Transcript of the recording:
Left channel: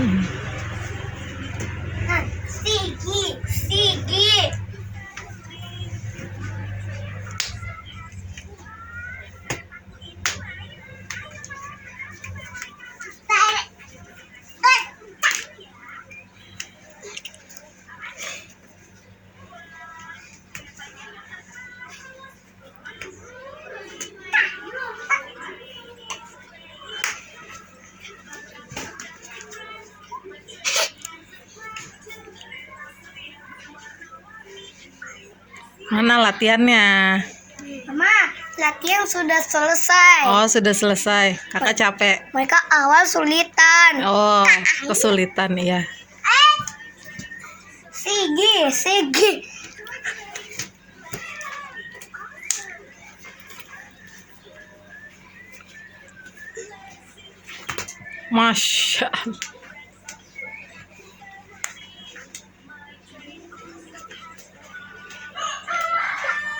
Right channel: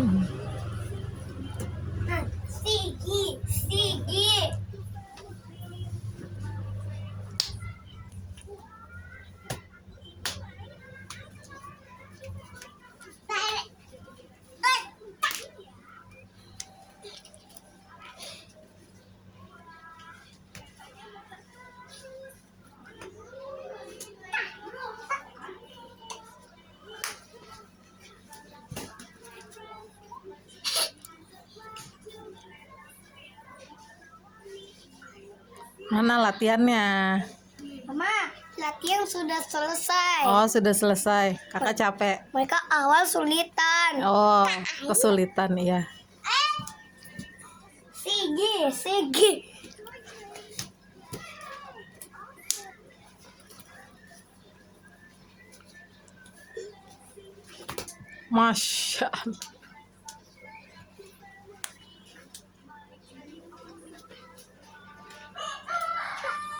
Sigi. Mana latihannya? Mama, latihan sudah selesai. Oh, sudah selesai. Kakak capek. Mereka awal sulitan. Oh, kesulitan ya. Sigi. Masya Allah.